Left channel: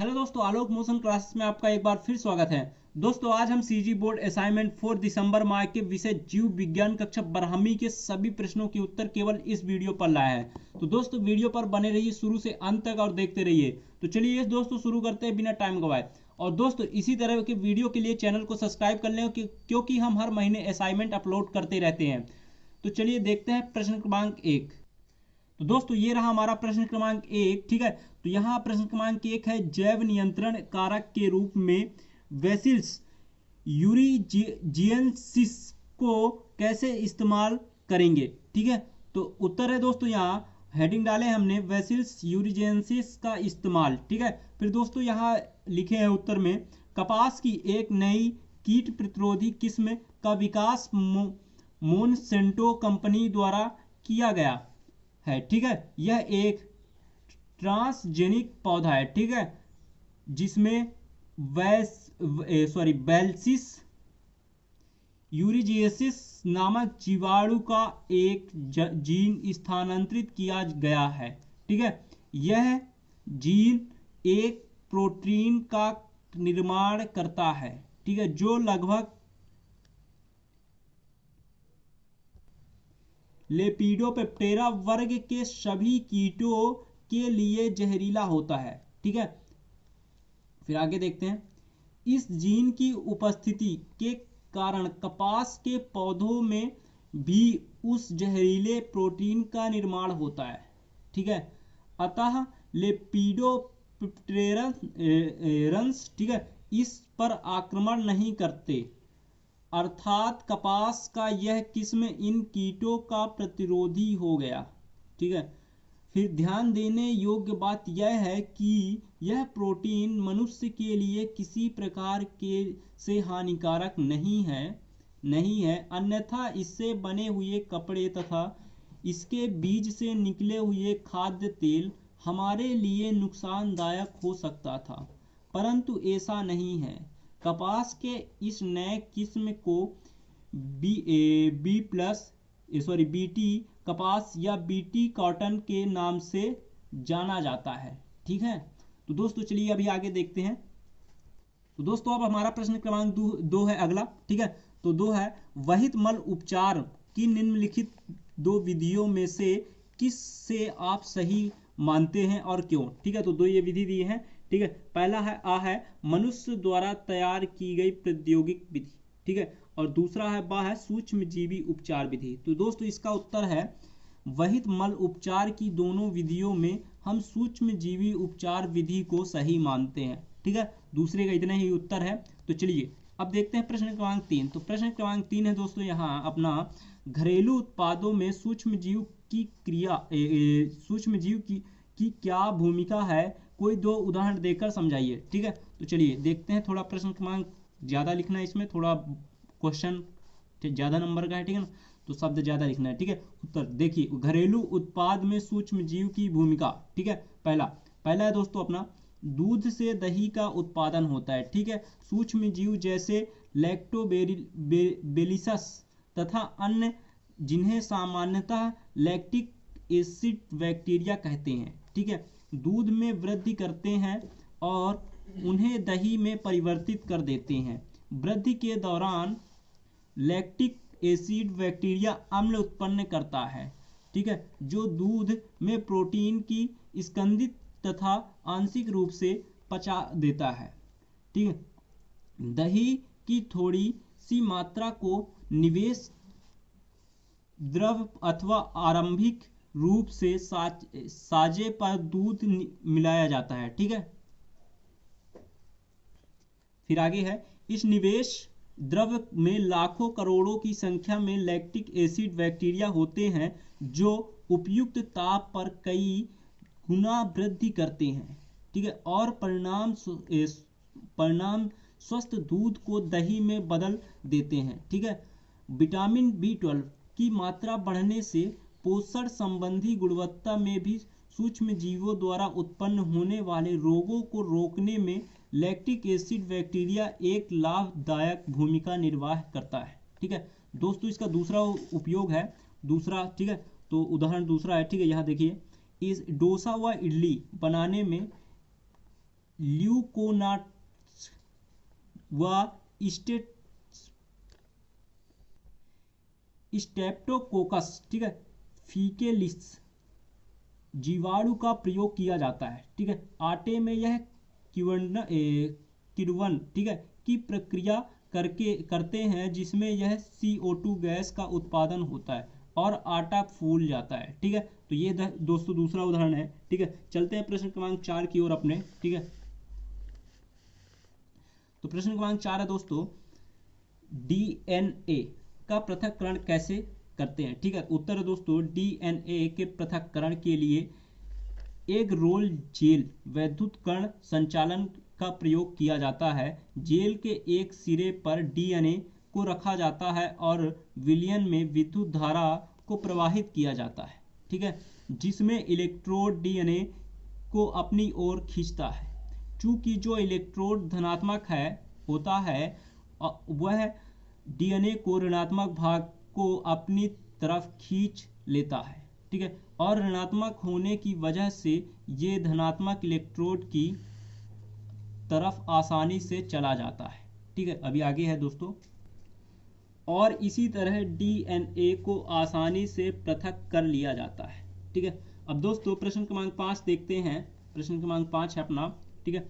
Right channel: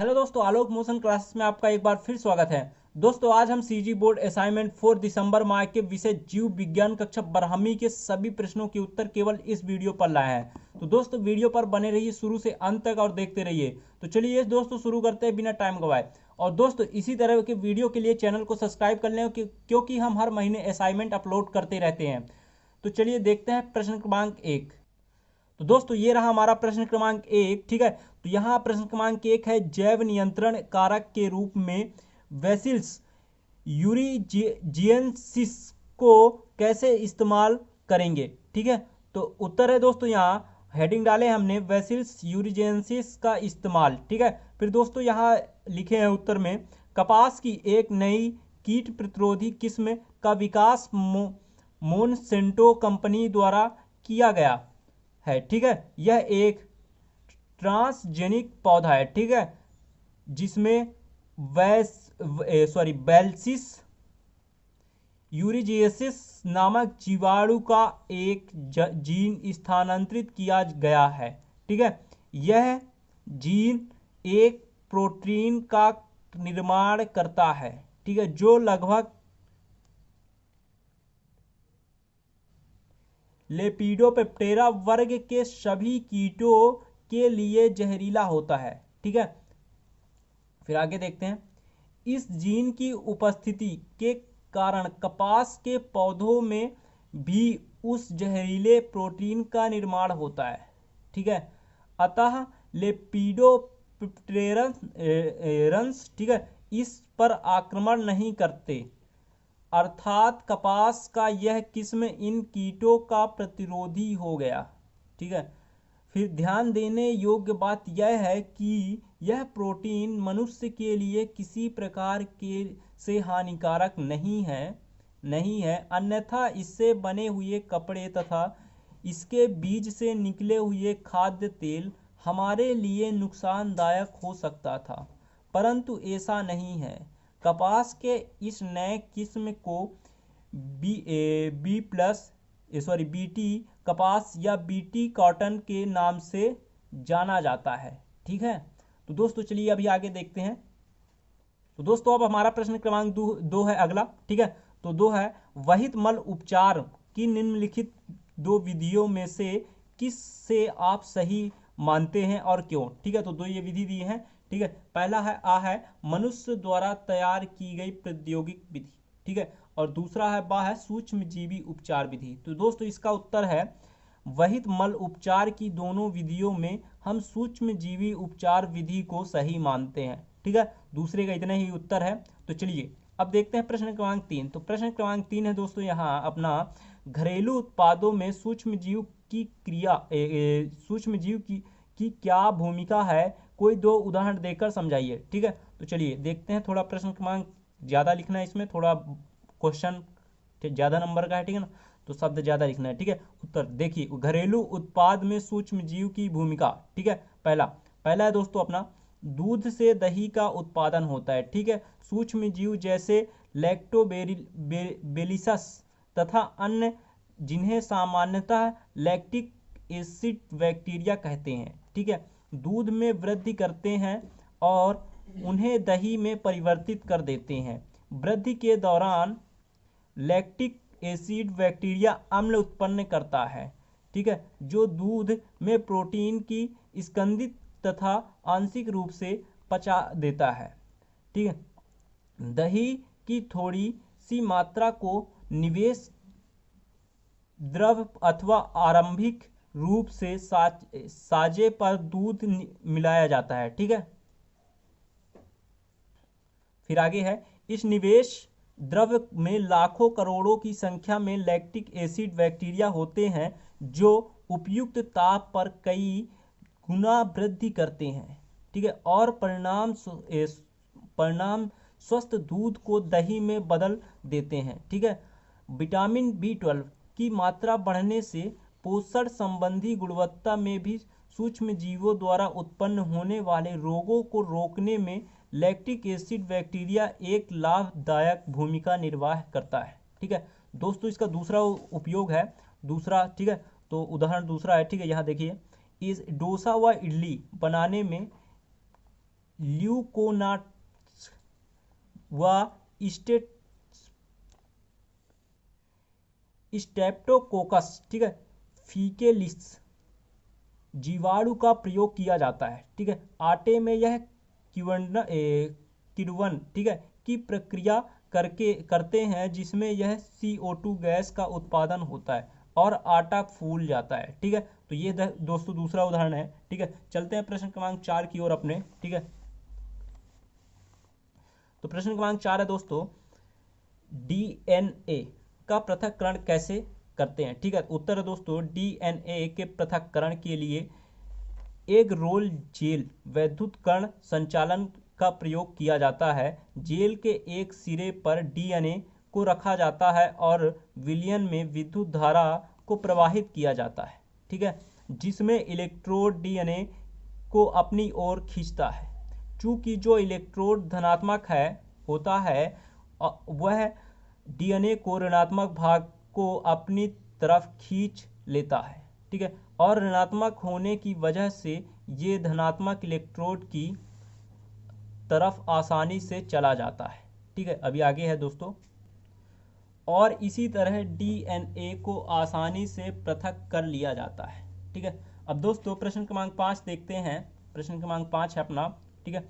Hello दोस्तों, आलोक motion classes में आपका एक बार फिर स्वागत है। दोस्तों आज हम सीजी बोर्ड असाइनमेंट 4 दिसंबर माह के विषय जीव विज्ञान कक्षा 12वीं के सभी प्रश्नों के उत्तर केवल इस वीडियो पर लाए हैं। तो दोस्तों वीडियो पर बने रहिए शुरू से अंत तक और देखते रहिए। तो चलिए दोस्तों शुरू करते हैं बिना टाइम गवाए। और दोस्तों इसी तरह के वीडियो के लिए चैनल को सब्सक्राइब कर लें क्योंकि हम हर महीने असाइनमेंट अपलोड करते रहते हैं। तो चलिए देखते हैं प्रश्न क्रमांक 1। तो दोस्तों ये रहा हमारा प्रश्न क्रमांक 1। ठीक है, तो यहाँ प्रश्न क्रमांक 1 है, जैव नियंत्रण कारक के रूप में वैसिल्स यूरिजिएंसिस को कैसे इस्तेमाल करेंगे। ठीक है, तो उत्तर है दोस्तों, यहाँ हेडिंग डाले हमने वैसिल्स यूरिजिएंसिस का इस्तेमाल। ठीक है, फिर दोस्तों यहाँ लिखे हैं उत्तर में, कपास की एक नई कीट प्रतिरोधी किस्म का विकास मोनसेंटो कंपनी द्वारा किया गया है। ठीक है, यह एक ट्रांसजेनिक पौधा है। ठीक है, जिसमें बैल्सिस यूरिजिएसिस नामक जीवाणु का एक जीन स्थानांतरित किया गया है। ठीक है, यह जीन एक प्रोटीन का निर्माण करता है। ठीक है, जो लगभग लेपिडोप्टेरा वर्ग के सभी कीटों के लिए जहरीला होता है। ठीक है, फिर आगे देखते हैं, इस जीन की उपस्थिति के कारण कपास के पौधों में भी उस जहरीले प्रोटीन का निर्माण होता है। ठीक है, अतः लेपिडोप्टेरन्स ठीक है इस पर आक्रमण नहीं करते, अर्थात कपास का यह किस्म इन कीटों का प्रतिरोधी हो गया। ठीक है, फिर ध्यान देने योग्य बात यह है कि यह प्रोटीन मनुष्य के लिए किसी प्रकार के से हानिकारक नहीं है, अन्यथा इससे बने हुए कपड़े तथा इसके बीज से निकले हुए खाद्य तेल हमारे लिए नुकसानदायक हो सकता था, परंतु ऐसा नहीं है। कपास के इस नए किस्म को बीटी कपास या बीटी कॉटन के नाम से जाना जाता है। ठीक है, तो दोस्तों चलिए अभी आगे देखते हैं। तो दोस्तों अब हमारा प्रश्न क्रमांक दो है अगला। ठीक है, तो दो है, वहित मल उपचार की निम्नलिखित दो विधियों में से किस से आप सही मानते हैं और क्यों। ठीक है, तो दो ये विधि दी है। ठीक है, पहला है मनुष्य द्वारा तैयार की गई प्रौद्योगिक विधि। ठीक है, और दूसरा है सूक्ष्म जीवी उपचार विधि। तो दोस्तों इसका उत्तर है, वहित मल उपचार की दोनों विधियों में हम सूक्ष्म जीवी उपचार विधि को सही मानते हैं। ठीक है, दूसरे का इतना ही उत्तर है। तो चलिए अब देखते हैं प्रश्न क्रमांक 3। तो प्रश्न क्रमांक 3 है दोस्तों, यहाँ अपना घरेलू उत्पादों में सूक्ष्म जीव की क्रिया सूक्ष्म जीव की क्या भूमिका है, कोई दो उदाहरण देकर समझाइए। ठीक है, तो चलिए देखते हैं। थोड़ा प्रश्न क्रमांक ज़्यादा लिखना है, इसमें थोड़ा क्वेश्चन ज़्यादा नंबर का है। ठीक है ना, तो शब्द ज़्यादा लिखना है। ठीक है, उत्तर देखिए, घरेलू उत्पाद में सूक्ष्म जीव की भूमिका। ठीक है, पहला है दोस्तों अपना, दूध से दही का उत्पादन होता है। ठीक है, सूक्ष्म जीव जैसे लैक्टोबेलिसस तथा अन्य, जिन्हें सामान्यतः लैक्टिक एसिड बैक्टीरिया कहते हैं। ठीक है, दूध में वृद्धि करते हैं और उन्हें दही में परिवर्तित कर देते हैं। वृद्धि के दौरान लैक्टिक एसिड बैक्टीरिया अम्ल उत्पन्न करता है। ठीक है, जो दूध में प्रोटीन की स्कंदित तथा आंशिक रूप से पचा देता है। ठीक है, दही की थोड़ी सी मात्रा को निवेश द्रव अथवा आरंभिक रूप से साजे पर दूध मिलाया जाता है। ठीक है, फिर आगे है, इस निवेश द्रव में लाखों करोड़ों की संख्या में लैक्टिक एसिड बैक्टीरिया होते हैं, जो उपयुक्त ताप पर कई गुना वृद्धि करते हैं। ठीक है, और परिणाम स्वस्थ दूध को दही में बदल देते हैं। ठीक है, विटामिन B12 की मात्रा बढ़ने से पोषण संबंधी गुणवत्ता में भी सूक्ष्म जीवों द्वारा उत्पन्न होने वाले रोगों को रोकने में लैक्टिक एसिड बैक्टीरिया एक लाभदायक भूमिका निर्वाह करता है। ठीक है दोस्तों, इसका दूसरा उपयोग है दूसरा। ठीक है, तो उदाहरण दूसरा है। ठीक है, यहाँ देखिए, इस डोसा व इडली बनाने में ल्यूकोनाट्स व स्टेप्टोकोकस, ठीक है, फीकेलिस जीवाणु का प्रयोग किया जाता है। ठीक है, आटे में यह किण्वन ठीक है की प्रक्रिया करते हैं, जिसमें यह CO2 गैस का उत्पादन होता है और आटा फूल जाता है। ठीक है, तो ये दोस्तों दूसरा उदाहरण है। ठीक है, चलते हैं प्रश्न क्रमांक 4 की ओर अपने। ठीक है, तो प्रश्न क्रमांक 4 है दोस्तों, DNA का पृथक्करण कैसे करते हैं। ठीक है, उत्तर है दोस्तों, DNA के पृथक्करण के लिए एक रोल जेल वैद्युत कण संचालन का प्रयोग किया जाता है। जेल के एक सिरे पर DNA को रखा जाता है और विलयन में विद्युत धारा को प्रवाहित किया जाता है। ठीक है, जिसमें इलेक्ट्रोड DNA को अपनी ओर खींचता है। चूंकि जो इलेक्ट्रोड धनात्मक होता है वह DNA को ऋणात्मक भाग को अपनी तरफ खींच लेता है। ठीक है, और ऋणात्मक होने की वजह से ये धनात्मक इलेक्ट्रोड की तरफ आसानी से चला जाता है। ठीक है, अभी आगे है दोस्तों, और इसी तरह DNA को आसानी से पृथक कर लिया जाता है। ठीक है, अब दोस्तों प्रश्न क्रमांक 5 देखते हैं। प्रश्न क्रमांक 5 है अपना। ठीक है,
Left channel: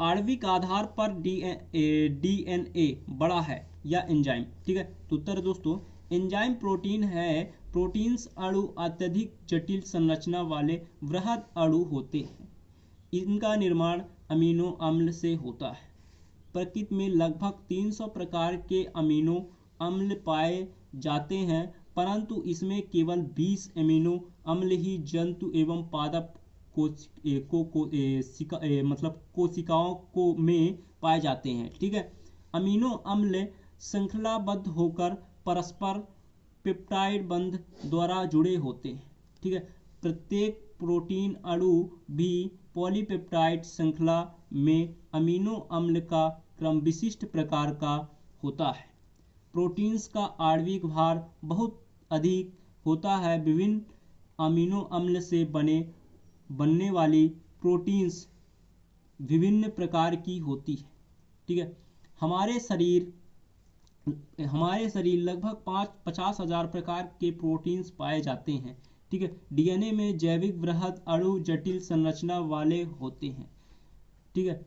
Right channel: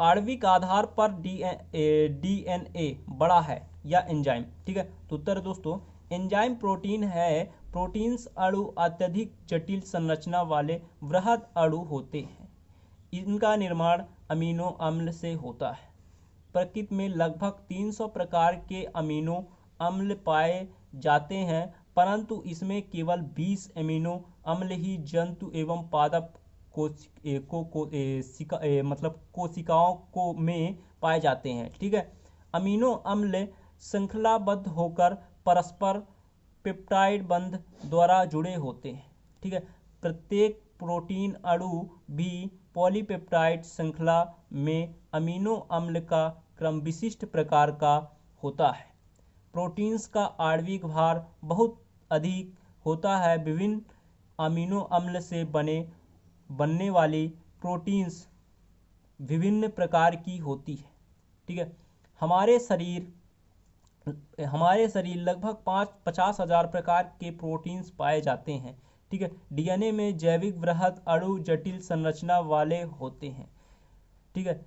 आणविक आधार पर DNA बड़ा है या एंजाइम। ठीक है, तो उत्तर दोस्तों, एंजाइम प्रोटीन है। प्रोटीन्स अणु अत्यधिक जटिल संरचना वाले वृहद अणु होते हैं। इनका निर्माण अमीनो अम्ल से होता है। प्रकृति में लगभग 300 प्रकार के अमीनो अम्ल पाए जाते हैं, परंतु इसमें केवल 20 अमीनो अम्ल ही जंतु एवं पादप कोशिकाओं को में पाए जाते हैं। ठीक है, अमीनो अम्ल श्रृंखलाबद्ध होकर परस्पर पेप्टाइड बंध द्वारा जुड़े होते हैं। ठीक है, प्रत्येक प्रोटीन अणु भी पॉलीपेप्टाइड श्रृंखला में अमीनो अम्ल का क्रम विशिष्ट प्रकार का होता है। प्रोटीन्स का आणविक भार बहुत अधिक होता है। विभिन्न अमीनो अम्ल से बनने वाली प्रोटीन्स विभिन्न प्रकार की होती है। ठीक है, हमारे शरीर लगभग 50,000 प्रकार के प्रोटीन्स पाए जाते हैं। ठीक है, DNA में जैविक वृहद अणु जटिल संरचना वाले होते हैं। ठीक है,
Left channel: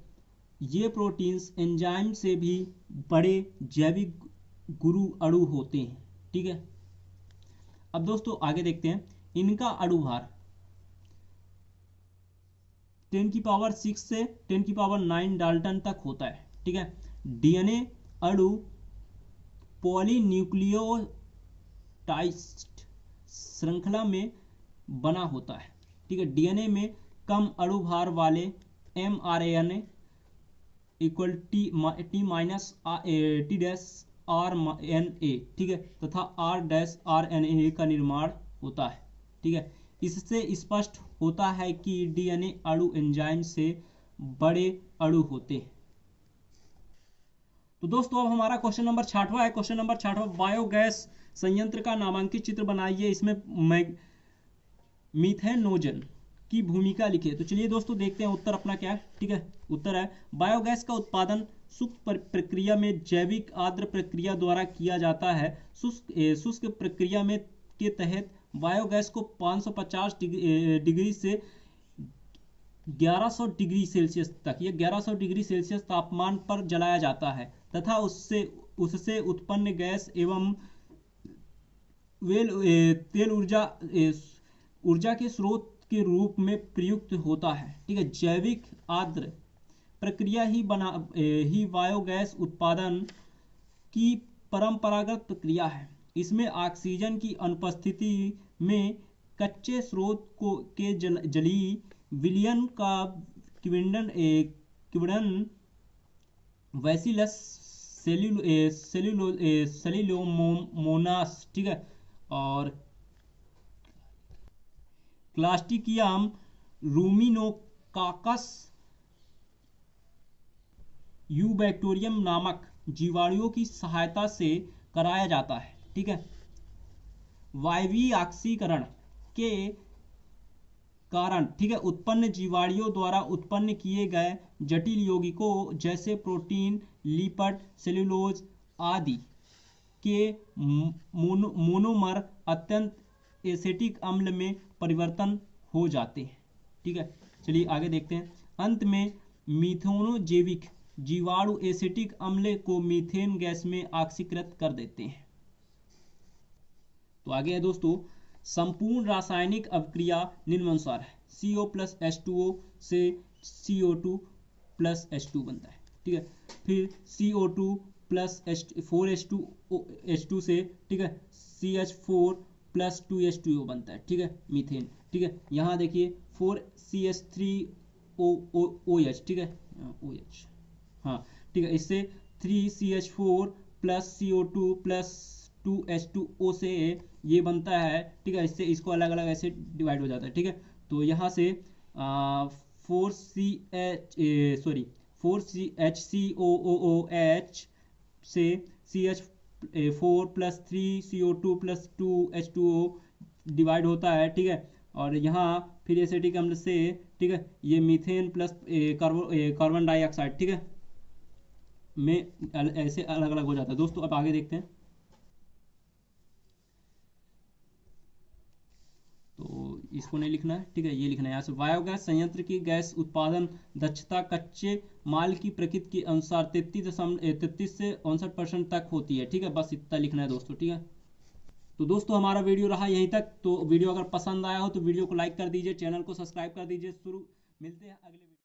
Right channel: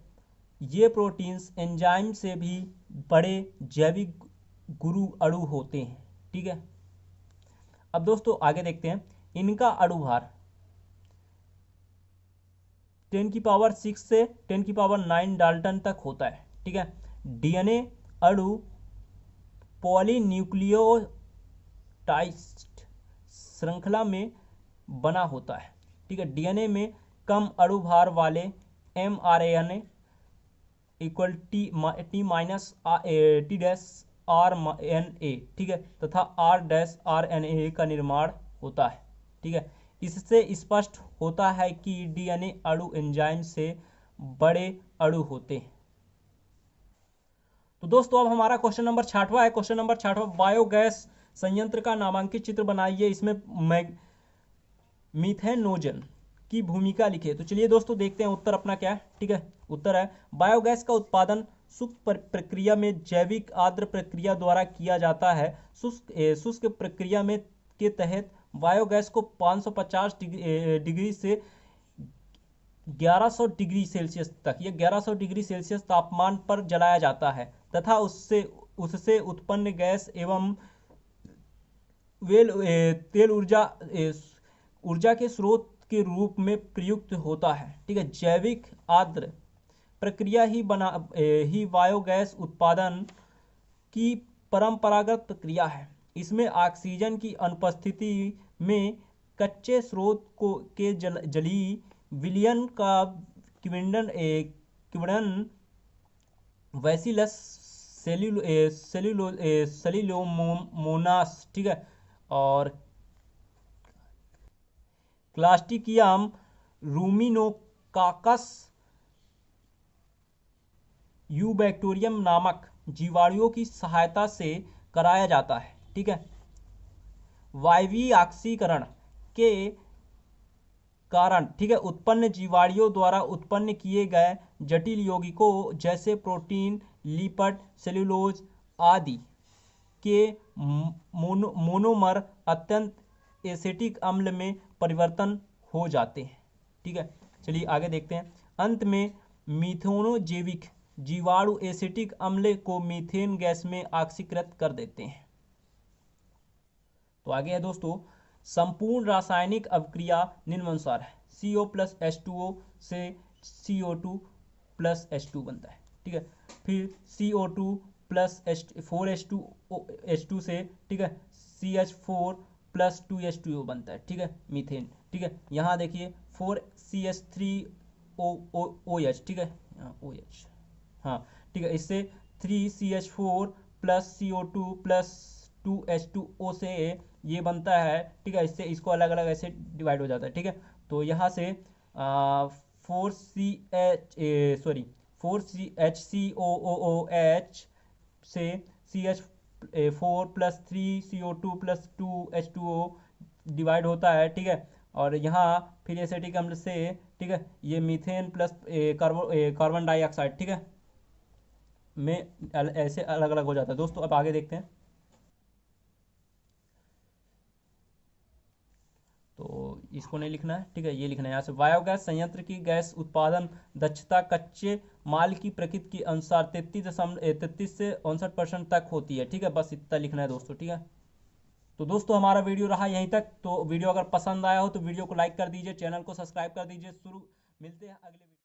ये प्रोटीन्स एंजाइम से भी बड़े जैविक गुरु अणु होते हैं। ठीक है, अब दोस्तों आगे देखते हैं। इनका अणु भार 10⁻⁶ से 10⁻⁹ डाल्टन तक होता है। ठीक है, DNA अणु पॉलीन्यूक्लियोटाइड श्रृंखला में बना होता है। ठीक है, DNA में कम अणु भार वाले mRNA T-RNA ठीक है तथा R-RNA का निर्माण होता है। ठीक है, इससे स्पष्ट होता है कि DNA अणु एंजाइम से बड़े अणु होते हैं। तो दोस्तों अब हमारा क्वेश्चन नंबर 6वां है। क्वेश्चन नंबर 6वां, बायोगैस संयंत्र का नामांकित चित्र बनाइए। इसमें मीथेनोजन की भूमिका लिखे। तो चलिए दोस्तों देखते हैं उत्तर अपना क्या है। ठीक है, उत्तर है बायोगैस का उत्पादन शुष्क प्रक्रिया में जैविक आद्र प्रक्रिया द्वारा किया जाता है। शुष्क प्रक्रिया में के तहत बायोगैस को 550 डिग्री से 1100 डिग्री सेल्सियस तक, यह 1100 डिग्री सेल्सियस तापमान पर जलाया जाता है तथा उससे उत्पन्न गैस एवं तेल ऊर्जा के स्रोत के रूप में प्रयुक्त होता है। ठीक है, जैविक आद्र प्रक्रिया ही बायोगैस उत्पादन की परंपरागत प्रक्रिया है। इसमें ऑक्सीजन की अनुपस्थिति में कच्चे स्रोत के जलीय विलयन का किण्वन वैसिलस सेल्यूलोमोनास ठीक है और क्लास्टिकियम रूमिनोकाकस यूबैक्टीरियम नामक जीवाणुओं की सहायता से कराया जाता है। ठीक है, वायवीय ऑक्सीकरण के कारण, ठीक है, उत्पन्न जीवाणुओं द्वारा उत्पन्न किए गए जटिल यौगिकों जैसे प्रोटीन, लिपिड, सेलुलोज आदि के मोनोमर अत्यंत एसिटिक अम्ल में परिवर्तन हो जाते हैं। ठीक है, चलिए आगे देखते हैं। अंत में मीथेनोजैविक जीवाणु एसिटिक अम्ल को मीथेन गैस में ऑक्सीकृत कर देते हैं। तो आगे है दोस्तों, संपूर्ण रासायनिक अभिक्रिया निम्नानुसार है। CO प्लस H2O से CO2 प्लस H2 बनता है। ठीक है, फिर CO2 प्लस 4H2 से, ठीक है, CH4 प्लस 2H2O बनता है। ठीक है, मीथेन। ठीक है, यहाँ देखिए 4CH3OH, ठीक है, OH, हाँ, ठीक है, इससे 3CH4 plus CO2 plus 2H2O से ये बनता है। ठीक है, इससे इसको अलग अलग ऐसे डिवाइड हो जाता है। ठीक है, तो यहाँ से 4HCOOH से CH4 plus 3CO2 plus 2H2O divide होता है। ठीक है, और यहाँ फिर एसिटिक अम्ल से, ठीक है, ये मीथेन प्लस कार्बन डाइऑक्साइड, ठीक है, में ऐसे अलग अलग हो जाता है। दोस्तों अब आगे देखते हैं। तो इसको नहीं लिखना है, ठीक है, ये लिखना है यहाँ से। बायोगैस संयंत्र की गैस उत्पादन दक्षता कच्चे माल की प्रकृति के अनुसार 33 से 59% तक होती है। ठीक है, बस इतना लिखना है दोस्तों। ठीक है, तो दोस्तों हमारा वीडियो रहा यहीं तक। तो वीडियो अगर पसंद आया हो तो वीडियो को लाइक कर दीजिए, चैनल को सब्सक्राइब कर दीजिए। मिलते हैं अगले वीडियो।